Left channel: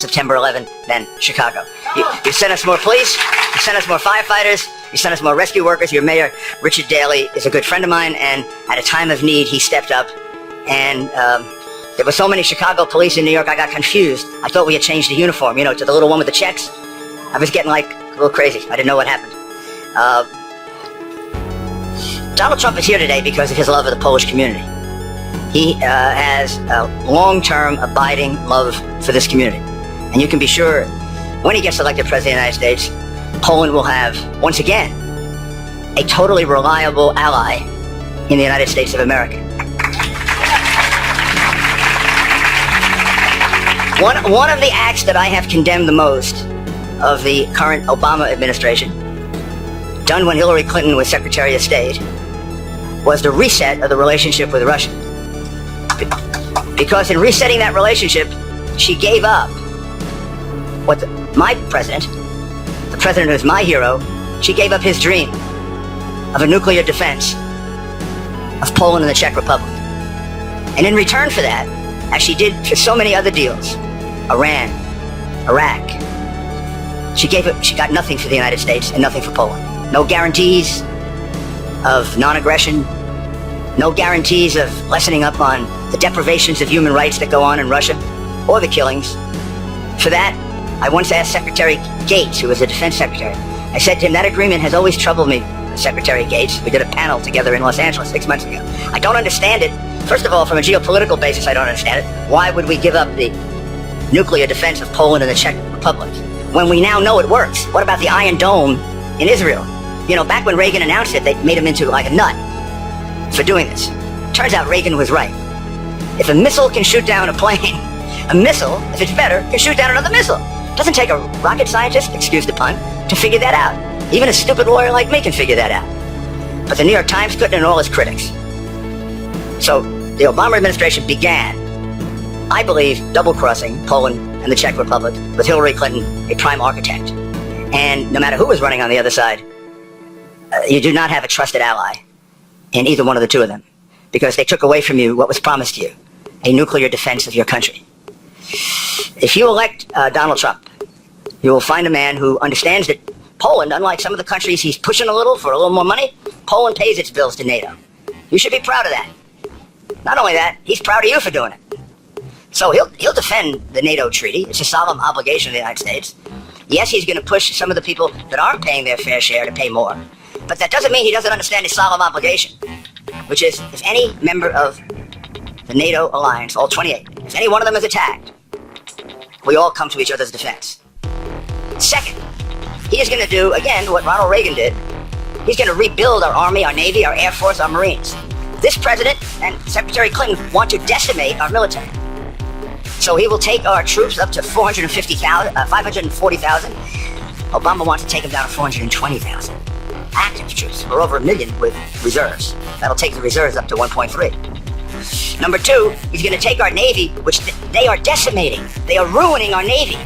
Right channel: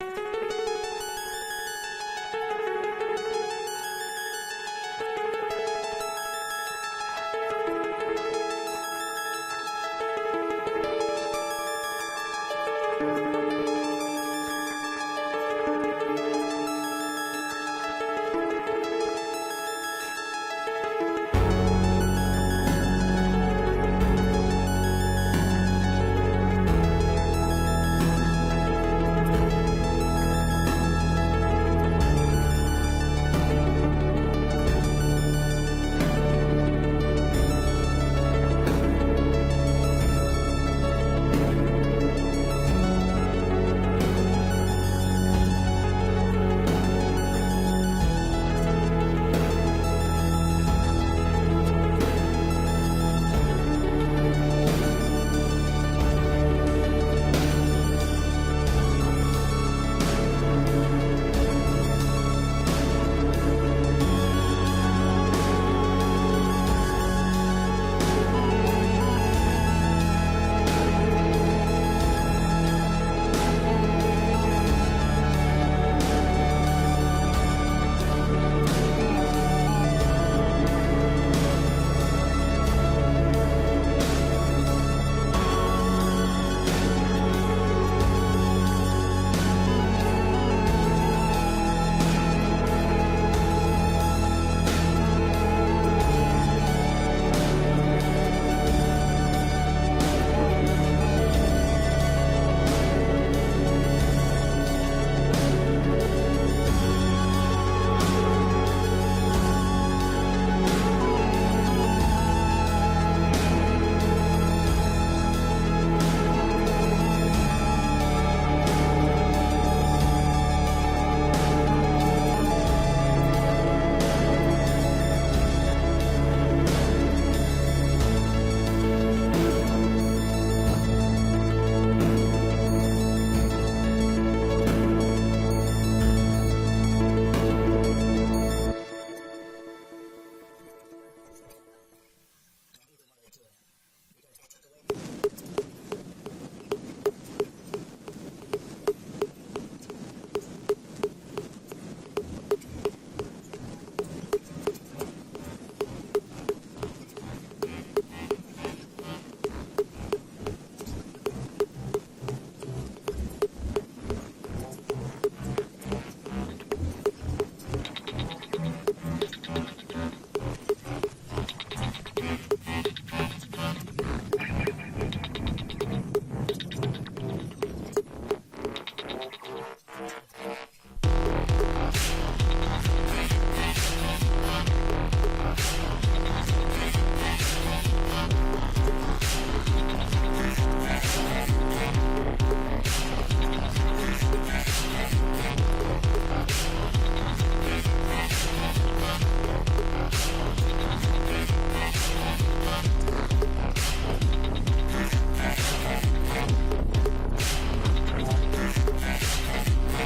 September 11th than Chicago. You sent us more police, you sent us more firefighters, you sent us more rescue workers. Your mayor, Richard Daley, is a good friend of mine, and at a time of need, he stepped up. And there were so many Chicago police in New York, I got confused. I thought we had changed the uniform, you know, to the little one with the checks. I was getting like a little crazy. I didn't know what happened. Donald Trump is here today because of his love of the Polish community. He has a long-term, abiding love for this community. And you can be sure, when he gets elected President of the United States, Poland will have, once again, a totally reliable ally in the United States of America. One of the acts that I have condemned the most of the current Obama administration, done when Hillary Clinton was Secretary of State, was the reset of the relationship with Russia. Because in resetting that relationship, she gave up what my president, the president who is my hero, she gave up his dream of a nuclear defense of Poland and the Czech Republic. And in return for that, as she did for so many other deals, Iran, Iraq, she got nothing for the United States and nothing for Poland. No guarantees of non-aggression, no guarantees of lessening up on the deprivations of human rights that go on in Russia, or the killings. For that, I once asked Secretary Gates, who was the defense secretary, I said to him, that agreement has always troubled me, Secretary Gates. We did a panel together in Los Angeles 6 months ago. I don't understand it. First of all, from a geopolitical basis, I don't understand it. Why would we give up the nuclear defense of Poland and the Czech Republic when we now know it works? What about the Iron Dome in Israel? You know, back when Reagan announced it, they made him into like a nut for doing this. Turns out Reagan was right. If a missile can shoot down a plane, a missile, if it's better, can shoot down another missile. It doesn't take a rocket scientist, excuse the pun, to figure that out. Even a stupid lawyer like me can figure that out. But the New York Times couldn't, and all its critics. So the Obama administration began, I believe, double-crossing Poland and the Czech Republic with Hillary Clinton, a prime architect. And no matter who was running on the other side, you do not have a trusted ally in either one of the two of them, because they took away from you what was promised to you, a nuclear defense of your country. If you elect Donald Trump, you will find a man who understands that Poland, unlike some of the countries he's pushing a little for a little more money, Poland pays its bills to NATO. You should be proud of that. Not only that, he's proud of you for doing it. So he'll defend the NATO treaty. It's a solemn obligation of the United States. Yes, he's going to push some of the people that aren't paying their fair share to pay more. But that doesn't mean he doesn't understand his solemn obligation, which is if any member of the NATO alliance, all 28, if any one of them is attacked, we all come to each other's defense. Second, he is going to do, again, what Ronald Reagan did. He's going to rebuild our Army, our Navy, our Air Force, our Marines. This president and Secretary Clinton want to decimate our military. So he will take our troops up to 540,000. Obama wants to take them down to 420,000. Active troops. We're over 1 million with reserves. That'll take the reserves up to 1.3. Number two, he's going to take our Navy, which they are decimating. They are ruining our Navy.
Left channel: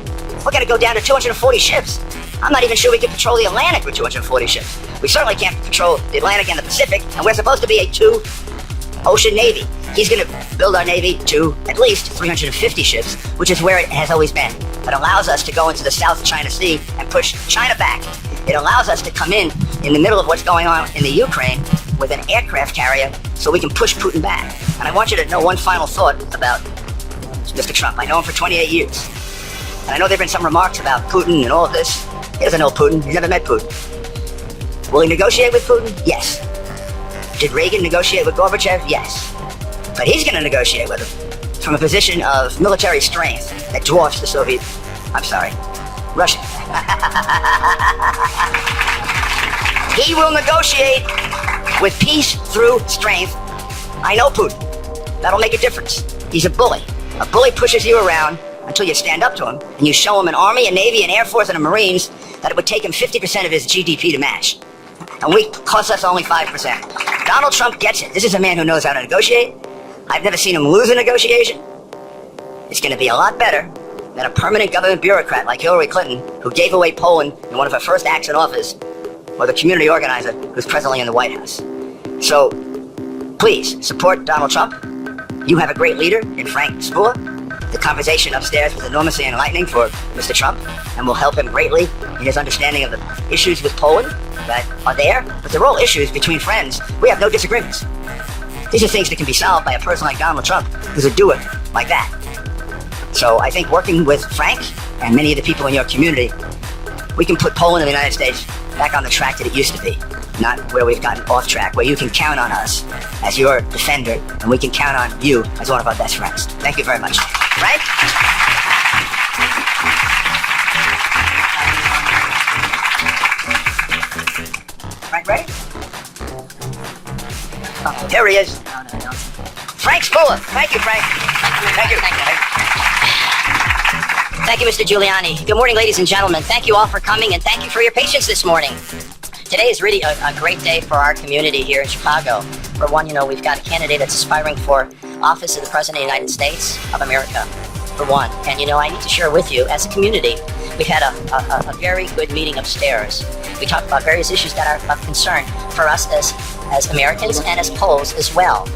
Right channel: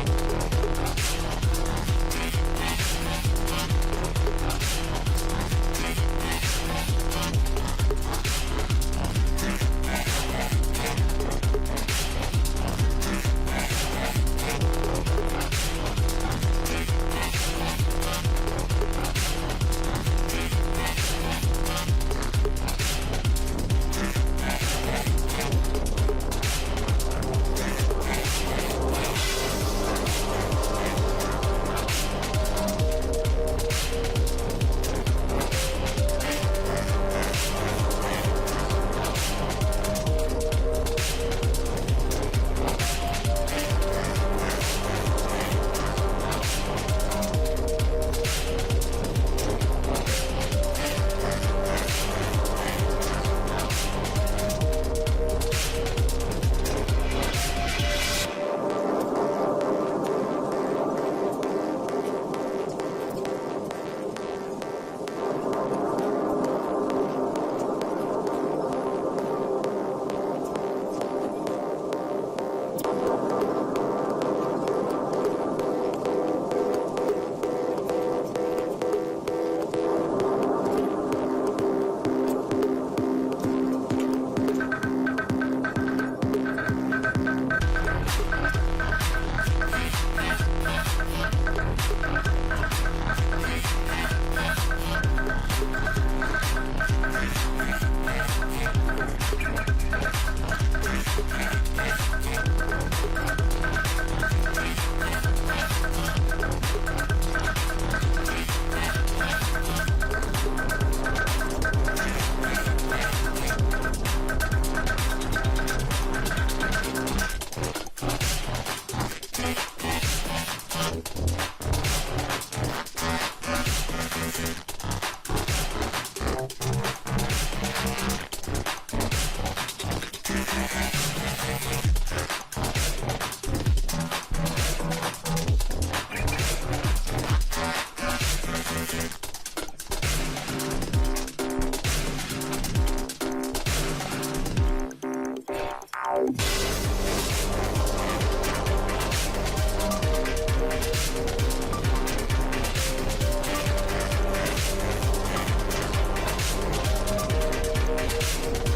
We're going to go down to 240 ships. I'm not even sure we can patrol the Atlantic with 240 ships. We certainly can't patrol the Atlantic and the Pacific, and we're supposed to be a two-ocean Navy. He's going to build our Navy to at least 350 ships, which is where it has always been. It allows us to go into the South China Sea and push China back. It allows us to come in the middle of what's going on in the Ukraine with an aircraft carrier so we can push Putin back. And I want you to know one final thought about Mr. Trump. I know him for 28 years. And I know there have been some remarks about Putin and all of this. He doesn't know Putin. He's never met Putin. Will he negotiate with Putin? Yes. Did Reagan negotiate with Gorbachev? Yes. But he's going to negotiate with him from a position of military strength that dwarfs the Russian. He will negotiate with peace through strength. I know Putin. That'll make a difference. He's a bully. A bully pushes you around until you stand up to him and you show him an Army, a Navy, an Air Force, and a Marines that it would take him 50% of his GDP to match. And we cost us only 5%. Donald Trump gets it. This is a man who knows how to negotiate. I've never seen him lose a negotiation. It's going to be a lot better than a permanent government bureaucrat like Hillary Clinton, who gave away Poland in one of her first acts in office, or the community organizer who's presently in the White House. So, please, support Donald Trump. You have a great leader in Frank Spula. The conversation upstairs was enormously enlightening for Mr. Trump and will help him greatly in his understanding of the issues with Poland that are there. But they're all issues between friends. We have no disagreements. These are things that can be solved by a person like Donald Trump, who's a doer like that. So I think working with Frank and many of the people in your community, we can put Poland and the United States back on the track that it used to be, not where we've gotten off track, where you can count on us as your defender, and we can count on you as one of our best friends. Thank you very much. Frank? Frank, ready? Oh, there he is. Frank Spola. Thank you, Frank. Thank you. Thank you, Mr. Giuliani. Good morning, ladies and gentlemen. Thank you all for coming, and thank you for your patience this morning. Today is really a great day for our community here in Chicago. For one, we've got a candidate that's aspiring for office of the President of the United States of America, for one. And, I need to share with you, as a community, we've had a very good meeting upstairs. We talked about various issues that are of concern for us as Americans and as Poles as well.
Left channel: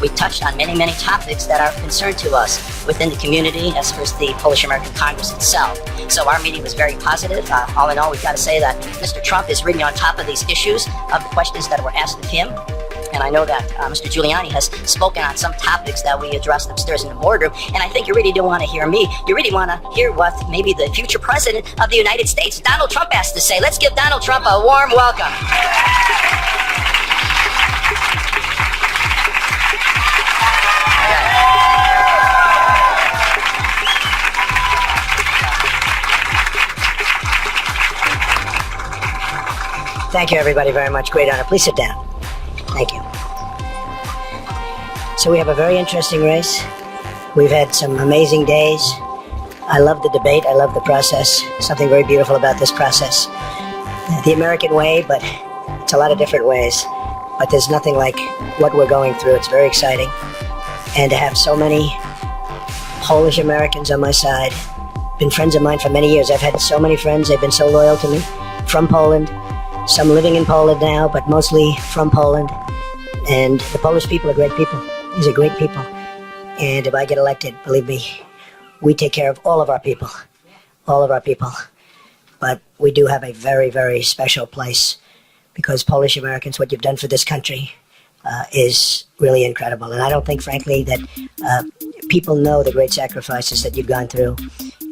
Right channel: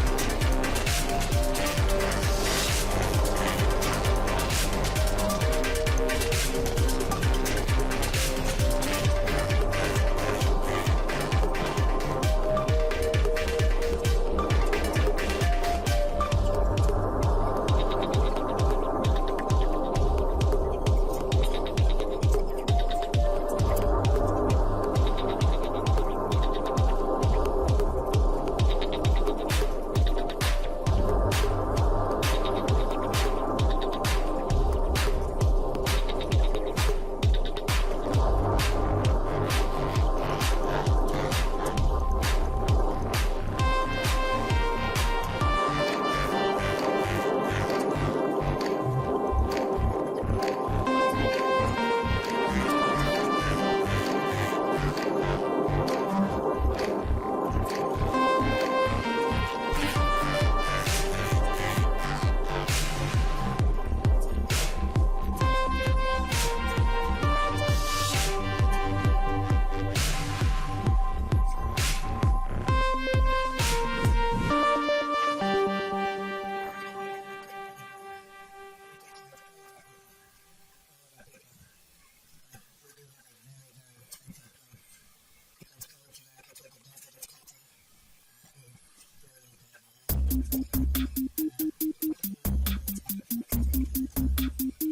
We touched on many, many topics that are of concern to us within the community, as was the Polish American Congress itself. So our meeting was very positive. All in all, we've got to say that Mr. Trump is really on top of these issues, of the questions that were asked of him. And I know that Mr. Giuliani has spoken on some topics that we addressed upstairs in the boardroom. And I think you really don't want to hear me. You really want to hear what maybe the future president of the United States, Donald Trump, has to say. Let's give Donald Trump a warm welcome. Thank you, everybody, very much. Great honor. Please sit down. Thank you. So we have a very interesting race. We've had some amazing days. I love the debate. I love the process. Something very beautiful about this process. The American way, but it's a lot of different ways. But there's nothing like what we're going through. It's very exciting. And to have so many Polish Americans on my side, been friends of mine for many years. I've had so many friends. They've been so loyal to me from Poland. Some living in Poland now, but mostly from Poland. And the Polish people are great people. These are great people. And if I get elected, believe me, we take care of all of our people. All of our people. But we do have a very, very special place, because Polish Americans, what you've done for this country is really incredible. And I don't think, frankly, that people know the great sacrifices that you've gone through.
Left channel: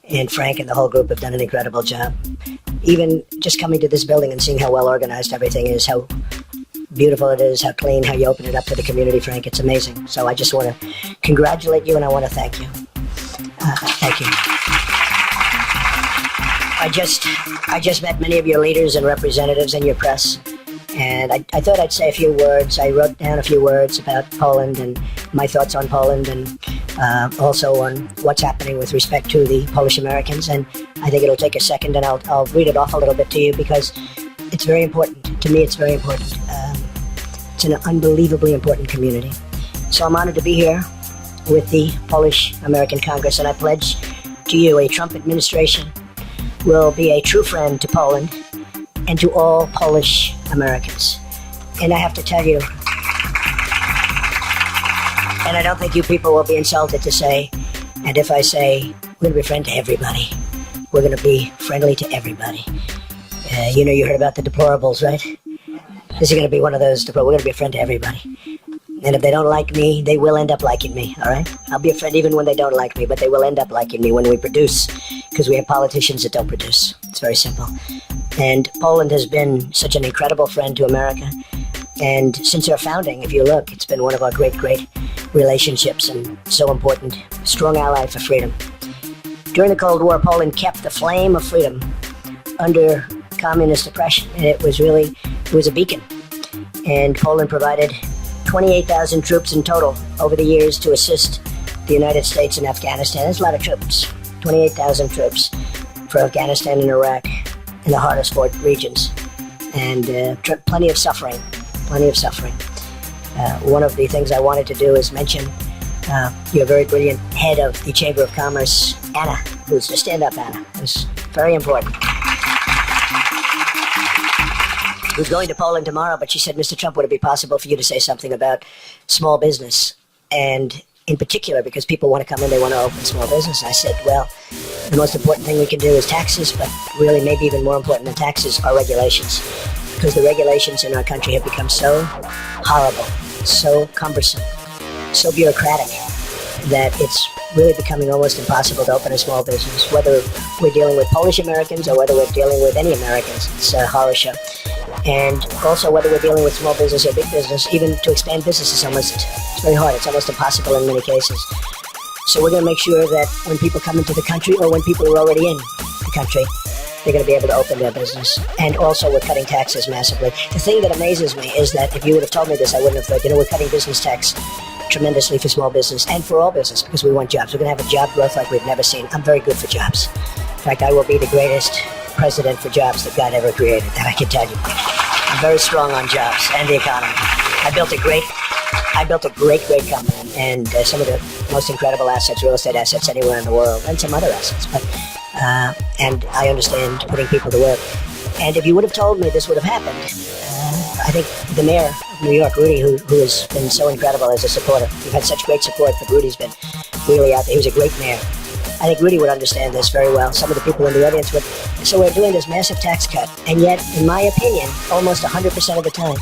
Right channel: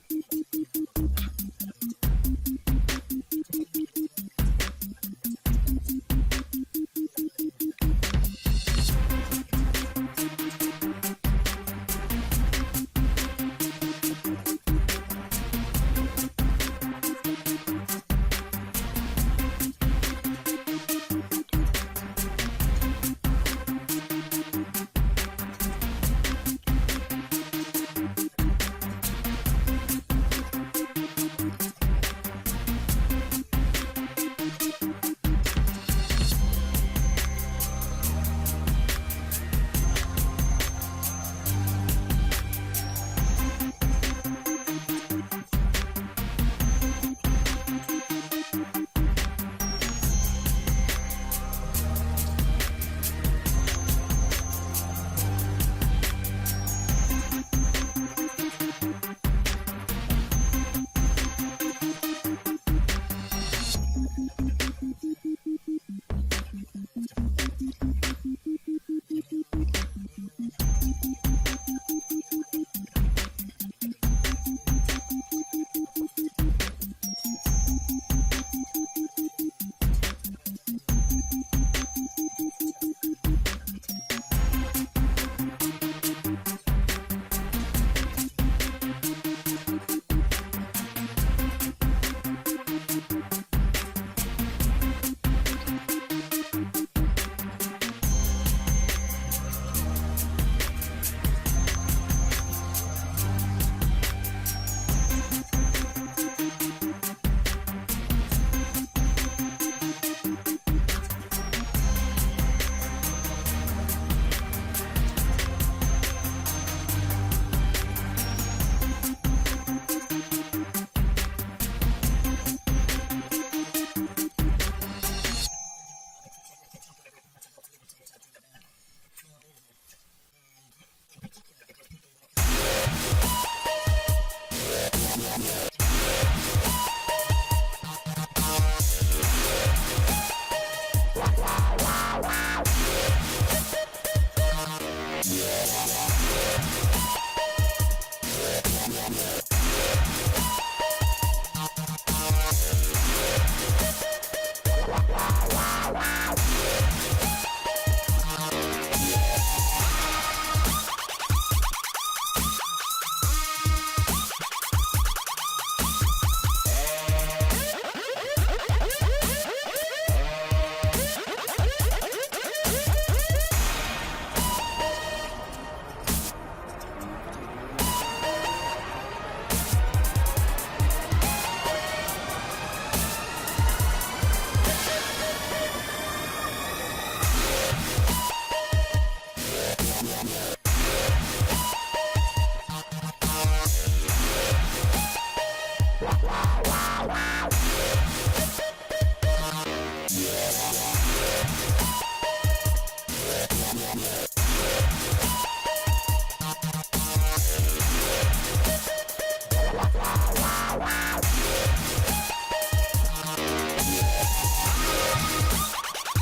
And Frank and the whole group have done an incredible job. Even just coming to this building and seeing how well organized everything is, how beautiful it is, how clean, how you open it up to the community, Frank, it's amazing. So I just want to congratulate you, and I want to thank you. Thank you. I just met many of your leaders and representatives and your press, and I thought I'd say a few words. I wrote down a few words about Poland and my thoughts on Poland, and also on what's happening with respect to the Polish Americans. And I think it'll take a second, and I'll read it off a little bit to you, because it's very important. To me, it's very important. It's an unbelievably important community. So I'm honored to be here with the Polish American Congress, and I pledge to you a Trump administration will be a true friend to Poland and to all Polish Americans. And I have to tell you, and I don't think you people will be insulted to say, and if I say, we're going to be friend to everybody. We're going to be friendly to everybody. You heard about the deplorables, right? This is going to be one of those. We're going to be a friend to everybody. And if they don't like me, they will end up liking me, all right? I'll be a friend even when they don't like me, but they will end up liking me when we produce, because we have politicians that don't produce. It's very simple. And Poland has been such an incredible friend to America. And since our founding, if you look, it's been one of our great, great relationships, and so important. Strong ally for freedom. During the Cold War, Poland kept the flame of freedom under communist oppression. And it was a beacon. And Poland provided 28,000 troops in total over the years to assist the United States in Afghanistan. That's a lot of troops. 28,000 troops for Afghanistan and Iraq in the hardest fought regions. And plenty of suffering. One of the things I wanted to do is mention your very brilliant head of the Chamber of Commerce, Anna, who's just stand up, Anna. It's very important. Who's going to Poland tomorrow, but she said, Mr. Trump, would it be possible for you to say something about small business? And in particular, because people want to come in, they want to open small business. I said, well, the most important thing we can do is taxes, but really maybe even more important than taxes are regulations. Because the regulations in our country have become so horrible, so cumbersome, so bureaucratic, that it's really becoming almost impossible to open a small business, whether we're dealing with Polish Americans or whether we're dealing with any Americans. It's a horror show. And also whether we're dealing with small business or big business, even to expand business is it's very hard. It's almost impossible in many cases. So we're going to make sure that when people come into the country or when people are already in the country, they're going to be able to open their business. And also we're cutting taxes massively. The thing that amazes me is that if you would have told me this, I wouldn't have thought, we're cutting business tax tremendously for small business and for all business because we want jobs. We're going to have a job growth like we've never seen. I'm very good for jobs. In fact, I will be the greatest president for jobs that God ever created, that I can tell you. I'm very strong on jobs and the economy. I built a great company and some of the most incredible assets, real estate assets anywhere in the world, and some other assets. But and I understand putting people to work. And if you would have told me this would have happened, I think the mayor of New York, Rudy, who has been so incredible as a supporter, we've had such great support, but Rudy's been really out there. He's a great mayor. I think Rudy would understand this very well. Some of the people in the audience would. So we're doing this massive tax cut, and yet, in my opinion, almost 100% of the time,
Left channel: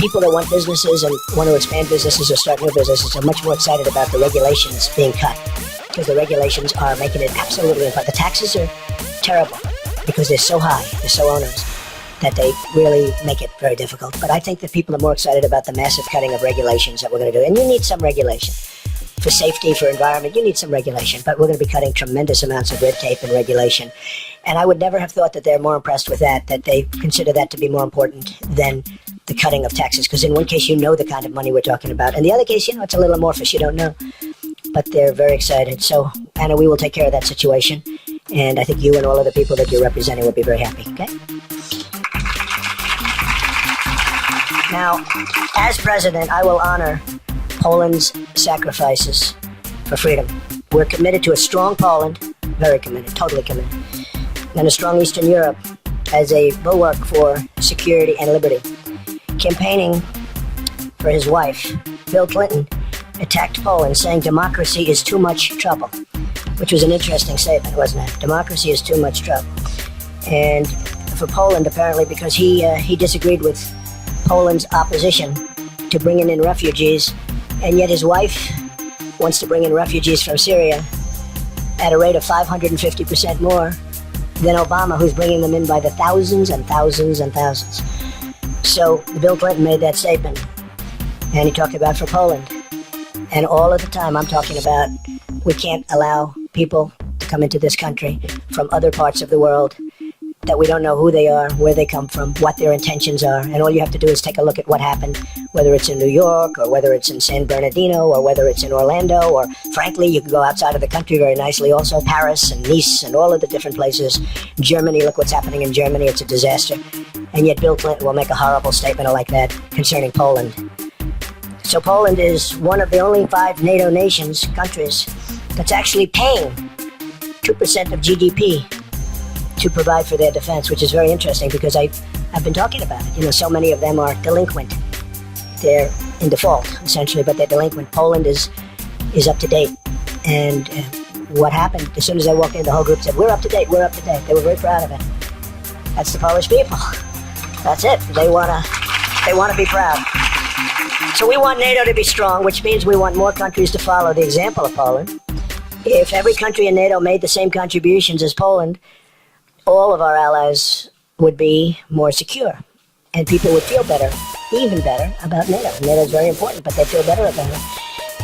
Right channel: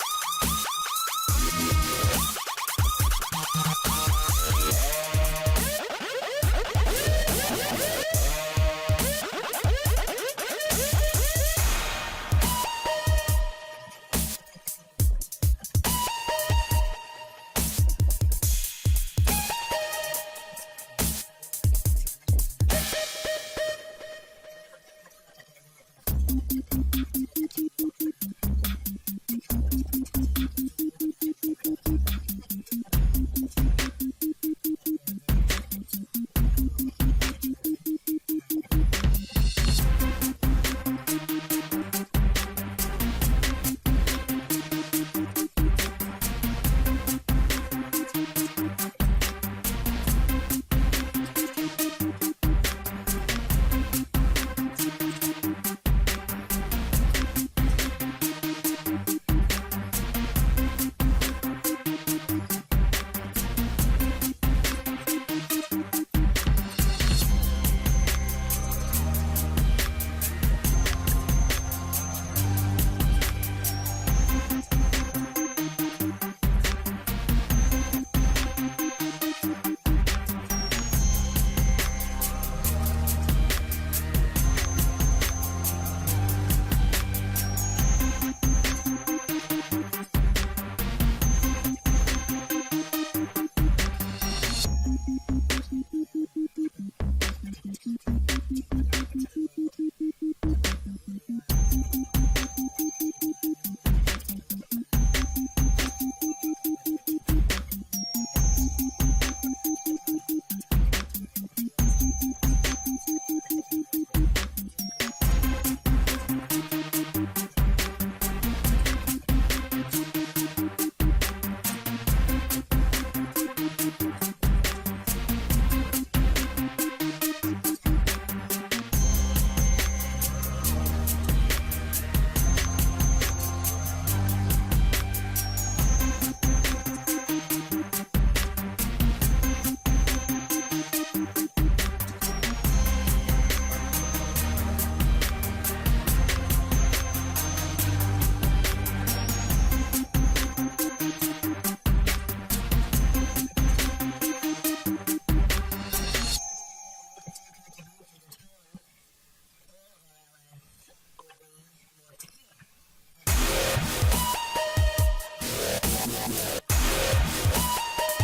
people that want businesses and want to expand businesses or start new businesses are much more excited about the regulations being cut, because the regulations are making it absolutely impossible. The taxes are terrible because they're so high, they're so onerous, that they really make it very difficult. But I think that people are more excited about the massive cutting of regulations that we're going to do. And you need some regulation. For safety, for environment, you need some regulation. But we're going to be cutting tremendous amounts of red tape and regulation. And I would never have thought that they're more impressed with that they consider that to be more important than the cutting of taxes. Because in one case, you know the kind of money we're talking about. In the other case, it's a little amorphous. You don't know. But they're very excited. So, Anna, we will take care of that situation. And I think you and all of the people that you're representing will be very happy, okay? Now, as president, I will honor Poland's sacrifices for freedom. We're committed to a strong Poland, very committed, totally committed, and a strong Eastern Europe as a bulwark for security and liberty. Campaigning for his wife, Bill Clinton attacked Poland, saying democracy is too much trouble, which was an interesting statement, wasn't it? Democracy is too much trouble. And for Poland, apparently, because he disagreed with Poland's opposition to bringing in refugees, and yet his wife wants to bring in refugees from Syria at a rate of 550% more than Obama, who's bringing them in by the thousands and thousands and thousands. So Bill Clinton made that statement, and he talked about for Poland. And all of the time I'm talking about we can't allow people to come into this country from other parts of the world that we don't know who they are, where they come from, what their intentions are. And all you have to do is take a look at what happened, whether it's in New York or whether it's in San Bernardino or whether it's in Orlando, or frankly, you can go outside of the country very nicely also, Paris and Nice and all of the different places. Germany, look what's happening in Germany, it's a disaster. And yet Bill Clinton will make a horrible statement like that concerning Poland. So Poland is one of the only 5 NATO countries, that's actually paying 2% of GDP to provide for their defense, which is very interesting because I've been talking about it. So many of them are delinquent. They're in default, essentially, but they're delinquent. Poland is up to date. And what happened, as soon as I walked in, the whole group said, we're up to date, we're up to date. They were very proud of it. That's the Polish people. That's it. They wanna be proud. So we want NATO to be strong, which means we want more countries to follow the example of Poland. If every country in NATO made the same contributions as Poland, all of our allies would be more secure, and people would feel better, even better, about NATO. NATO is very important, but they feel better about it.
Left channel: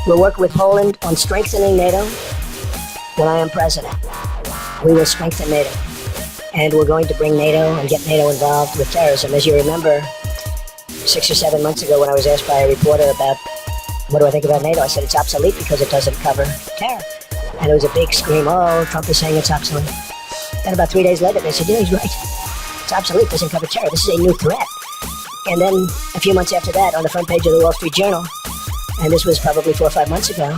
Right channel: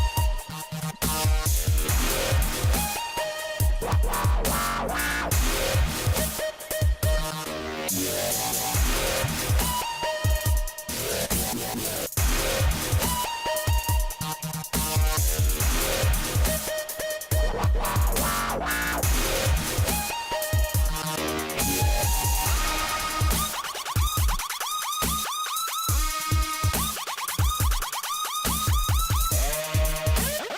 We'll work with Poland on strengthening NATO when I am president. We will strengthen NATO, and we're going to bring NATO and get NATO involved with terrorism. As you remember, 6 or 7 months ago when I was asked by a reporter about what do I think about NATO, I said it's obsolete because it doesn't cover terror. And it was a big scream, oh, Trump is saying it's obsolete. And about 3 days later, they said, yeah, he's right. It's obsolete, doesn't cover terror. This is a new threat. And then a few months after that, on the front page of the Wall Street Journal, and this was probably 4 or 5 months ago,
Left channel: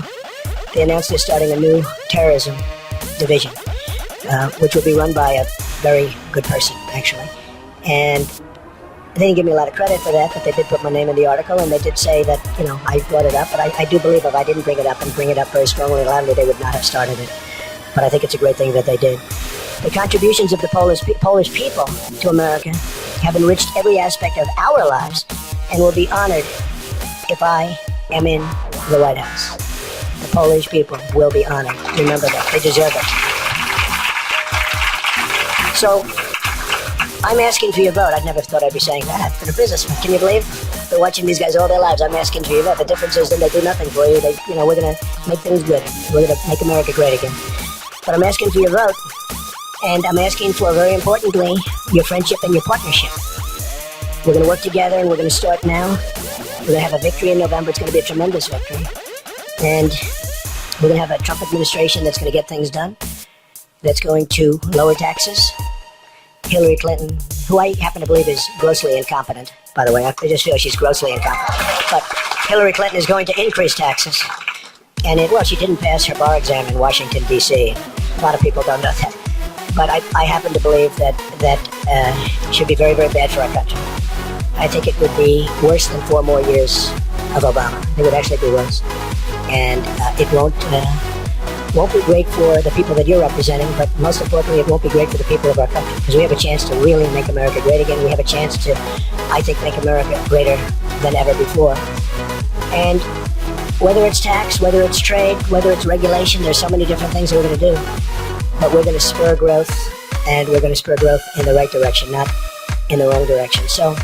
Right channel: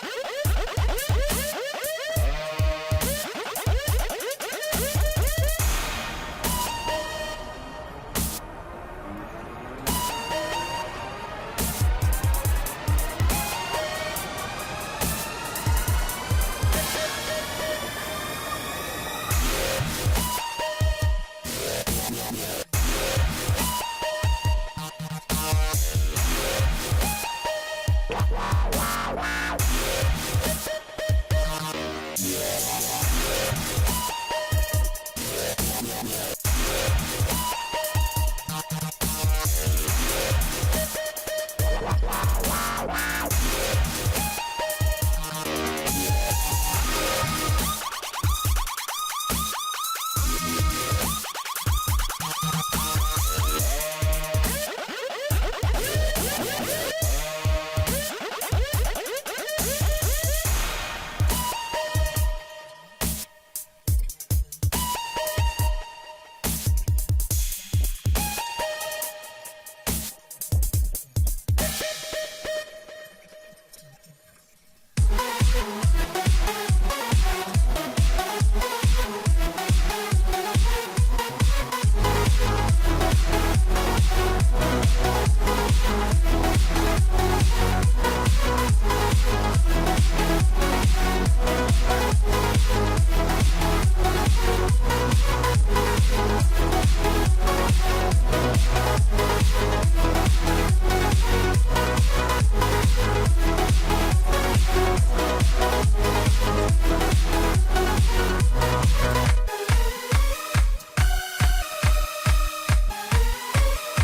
they announced they're starting a new terrorism division, which will be run by a very good person, actually. And They didn't give me a lot of credit for that, but they did put my name in the article, and they did say that, I brought it up, but I do believe if I didn't bring it up and bring it up very strongly and loudly, they would not have started it. But I think it's a great thing that they did. The contributions of the Polish people to America have enriched every aspect of our lives and will be honored if I am in the White House. The Polish people will be honored. Remember that. They deserve it. So, I'm asking for your vote. I never thought I'd be saying that. For the businessman, can you believe? They're watching these guys all their lives. I'm asking for your vote. The difference is that they do nothing for you. We're going to make things good. We're going to make America great again. But I'm asking for your vote. And I'm asking for, very importantly, your friendship and your partnership. We're going to work together, and we're going to start now. We're going to have a victory in November. It's going to be a tremendous victory. And we're going to have a Trump administration that's going to get things done, that's going to lower taxes. Hillary Clinton, who I happen to believe is grossly incompetent, by the way. I just feel she's grossly incompetent. But Hillary Clinton is going to increase taxes. And she didn't pass her bar exam in Washington, D.C. A lot of people don't know that. But I happen to believe that should be very, very bad for our country. I think it would be worse than 4 more years of Obama. It would actually be worse. And it won't be great for the people that you're representing, but most importantly, it won't be great for the people of our country, because we have a chance to really make America great again. We have a chance to, I think, make America greater than ever before. And whether it's tax, whether it's trade, whether it's regulation, there's so many different things that we're going to do. But we're going to spur growth, and we're going to spur growth in the right direction, not in the wrong direction. So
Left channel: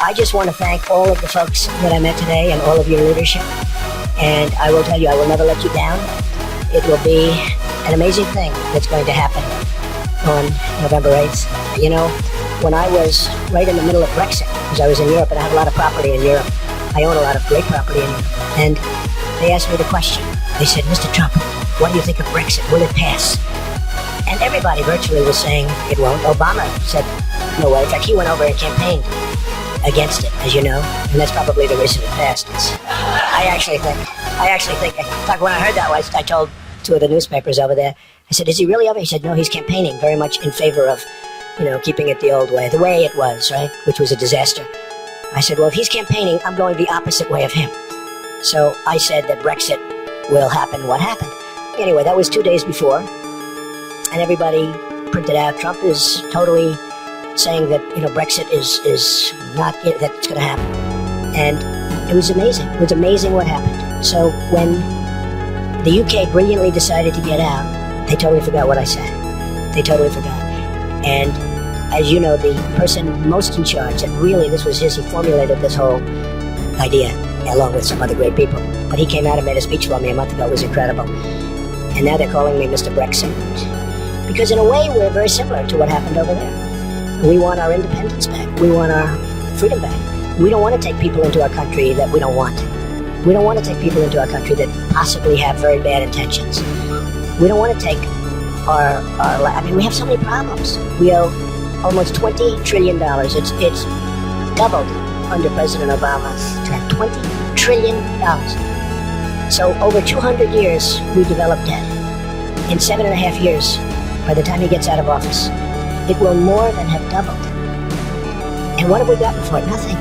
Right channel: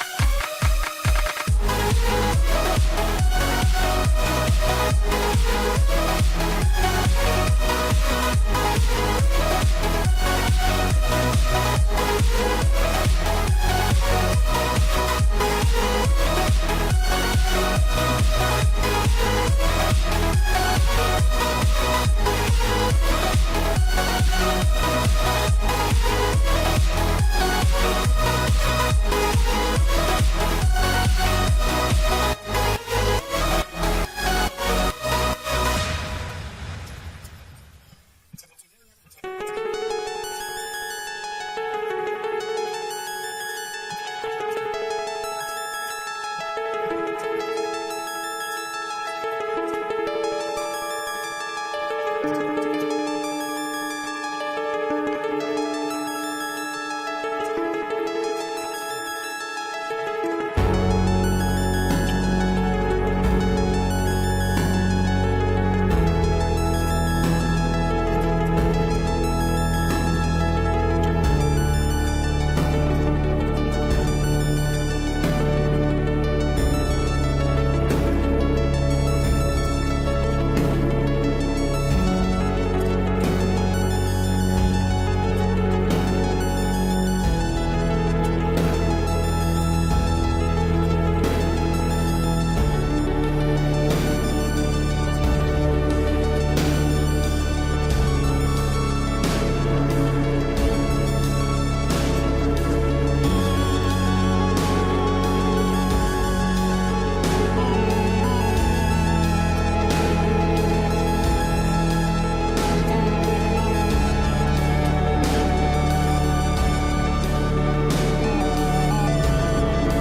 I just want to thank all of the folks that I met today and all of your leadership. And I will tell you, I will never let you down. It will be an amazing thing that's going to happen on November 8th. When I was right in the middle of Brexit, because I was in Europe and I had a lot of property in Europe, I own a lot of great property in Europe, and they asked me the question. They said, Mr. Trump, what do you think of Brexit? Will it pass? And everybody virtually was saying it won't. Obama said, no way. In fact, he went over and campaigned against it, as you know, and that's probably the reason it passed. I actually think, in fact, when I heard that, I told 2 of the newspapers over there, I said, is he really over? He said, no, he's campaigning very much in favor of, keeping it the old way, the way it was, right, which was a disaster. I said, well, if he's campaigning, I'm going the opposite way of him. So I said that Brexit will happen. What happened? Anyway, that was 2 days before, and everybody printed out, Trump is totally saying that, Brexit is not it, that it's going to happen. And it was amazing. It was amazing what happened. So when the UK brilliantly decided to get out, they totally forgot what I said. They totally forgot. And as you know, the person most in charge, and really this was he formulated this whole idea, along with some other great people. But he came out and made a speech for me a month ago. It was incredible. And now they're calling me Mr. Brexit. Because in a way, we're very similar to what happened over there. We want our independence back. We want our freedom back. We don't want to take people into our country that we don't want. We don't want to take people into our country that possibly have very bad intentions. We don't want to take we have so many problems. We owe almost $20 trillion. It's doubled under President Obama to have $20 trillion. So over 200 years, we developed debt. In 7.5 years, by the time he gets out of office, it will more than have doubled. And what have we got before? Nothing.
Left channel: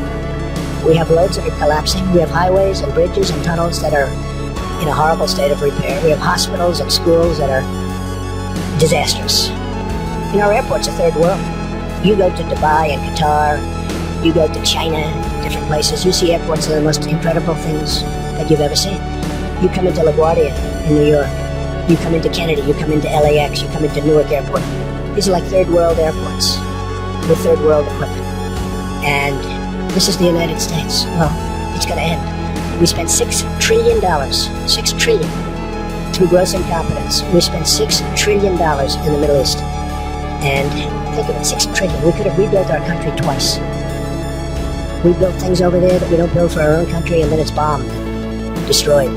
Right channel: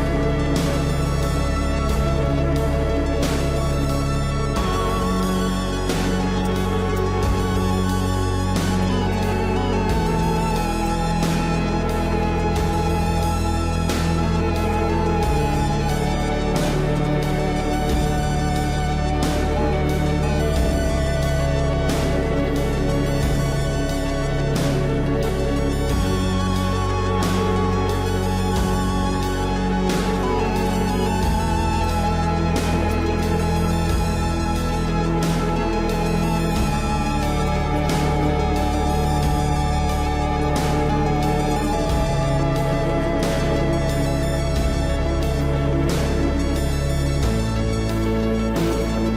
We have roads that are collapsing. We have highways and bridges and tunnels that are in a horrible state of repair. We have hospitals and schools that are disastrous. Our airports are third world. You go to Dubai and Qatar, you go to China, different places, you see airports that are the most incredible things that you've ever seen. You come into LaGuardia in New York, you come into Kennedy, you come into LAX, you come into Newark Airport. These are like third world airports with third world equipment. And this is the United States. Well, it's going to end. We spent $6 trillion, $6 trillion, through gross incompetence. We spent $6 trillion in the Middle East. And think of it, $6 trillion. We could have rebuilt our country twice. We built things over there that we don't build for our own country, and then it's bombed, destroyed.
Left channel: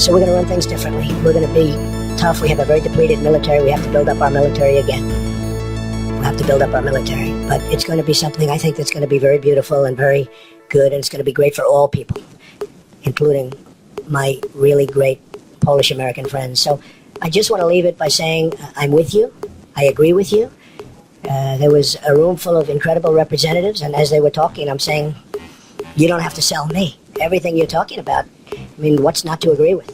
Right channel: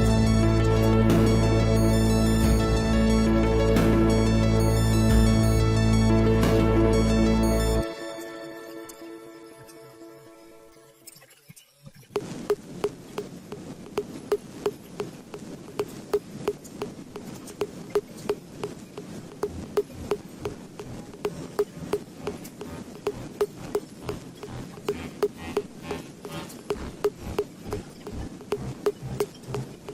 So we're going to run things differently. We're going to be tough. We have a very depleted military. We have to build up our military again. We'll have to build up our military. But it's going to be something, I think, that's going to be very beautiful and very good, and it's going to be great for all people, including my really great Polish-American friends. So I just want to leave it by saying I'm with you. I agree with you. There was a room full of incredible representatives, and as they were talking, I'm saying, you don't have to sell me. Everything you're talking about, I mean, what's not to agree with?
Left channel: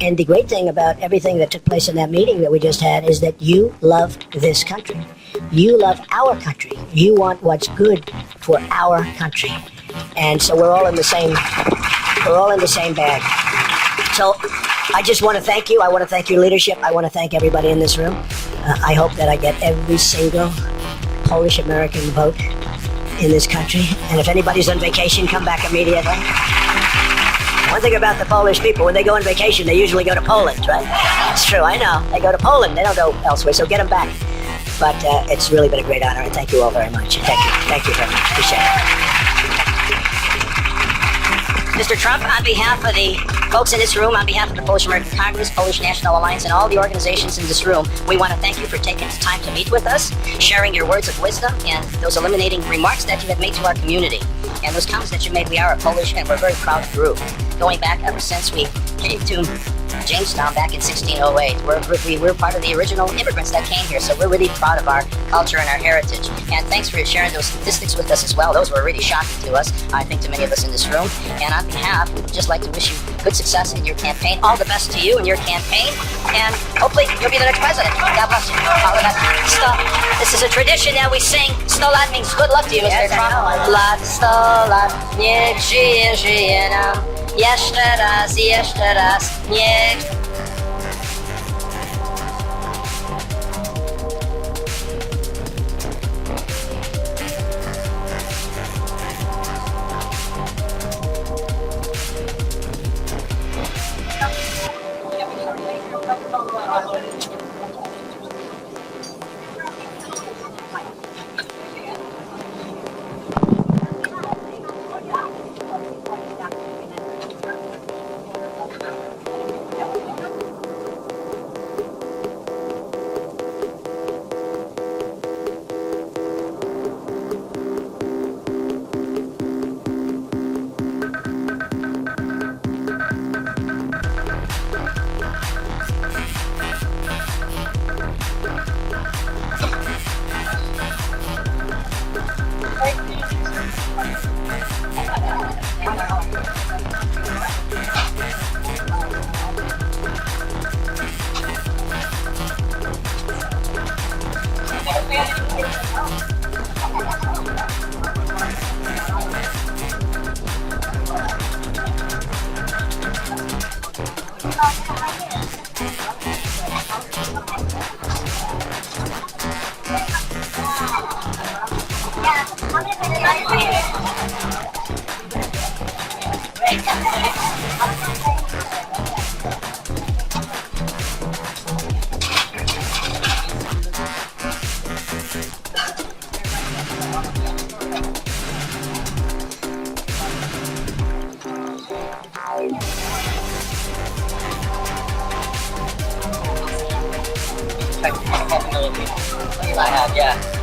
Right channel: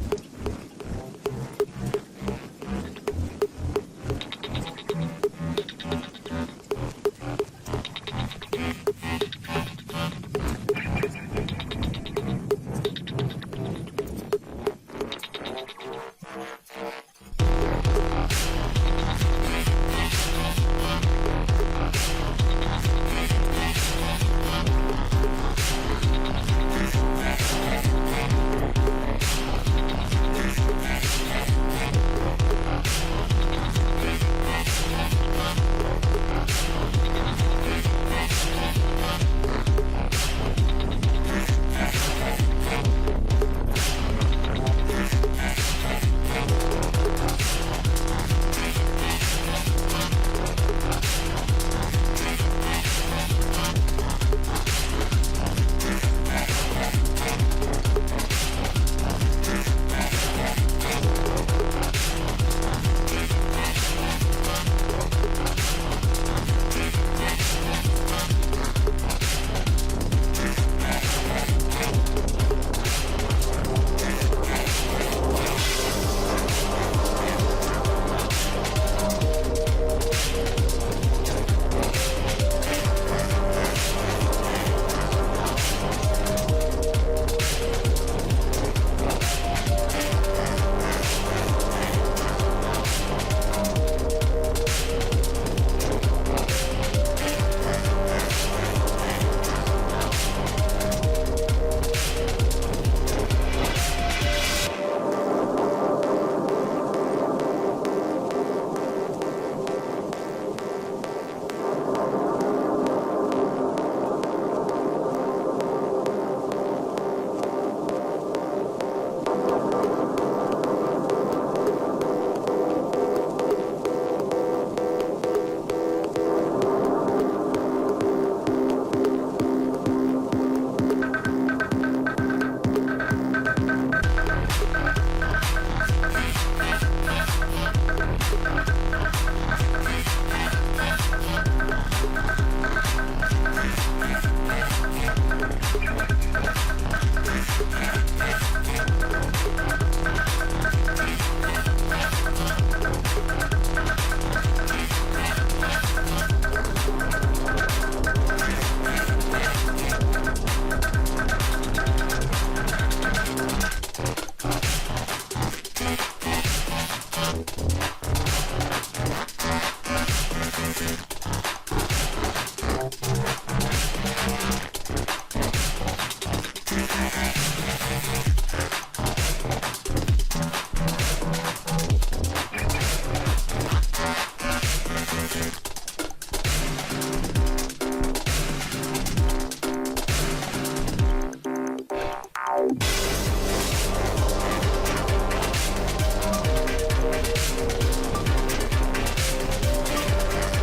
And the great thing about everything that took place in that meeting that we just had is that you loved this country. You love our country. You want what's good for our country. And so we're all in the same bag. So I just want to thank you. I want to thank your leadership. I want to thank everybody in this room. I hope that I get every single Polish American vote in this country. And if anybody's on vacation, come back immediately. One thing about the Polish people, when they go on vacation, they usually go to Poland, right? That's true, I know. They go to Poland, they don't go elsewhere, so get them back. But it's really been a great honor, and thank you all very much. Thank you very much. Appreciate it. Mr. Trump, on behalf of the folks in this room, on behalf of the Polish American Congress, Polish National Alliance, and all the organizations in this room, we want to thank you for taking the time to meet with us, sharing your words of wisdom, and those illuminating remarks that you have made to our community. And those comments that you made, we are a Polish, and we're very proud group. Going back ever since we came to Jamestown back in 1608. We're part of the original immigrants that came here, so we're really proud of our culture and our heritage. And thanks for sharing those statistics with us as well. Those were really shocking to us, I think, to many of us in this room. And on behalf, I'd just like to wish you good success in your campaign. All the best to you and your campaign. And hopefully you'll be the next president. God bless you. All the best. This is a tradition that we sing. 100 lat means good luck to you, Mr. Trump. Lat, 100 lat, niech żyje nam. Jeszcze raz, niech. Yeah.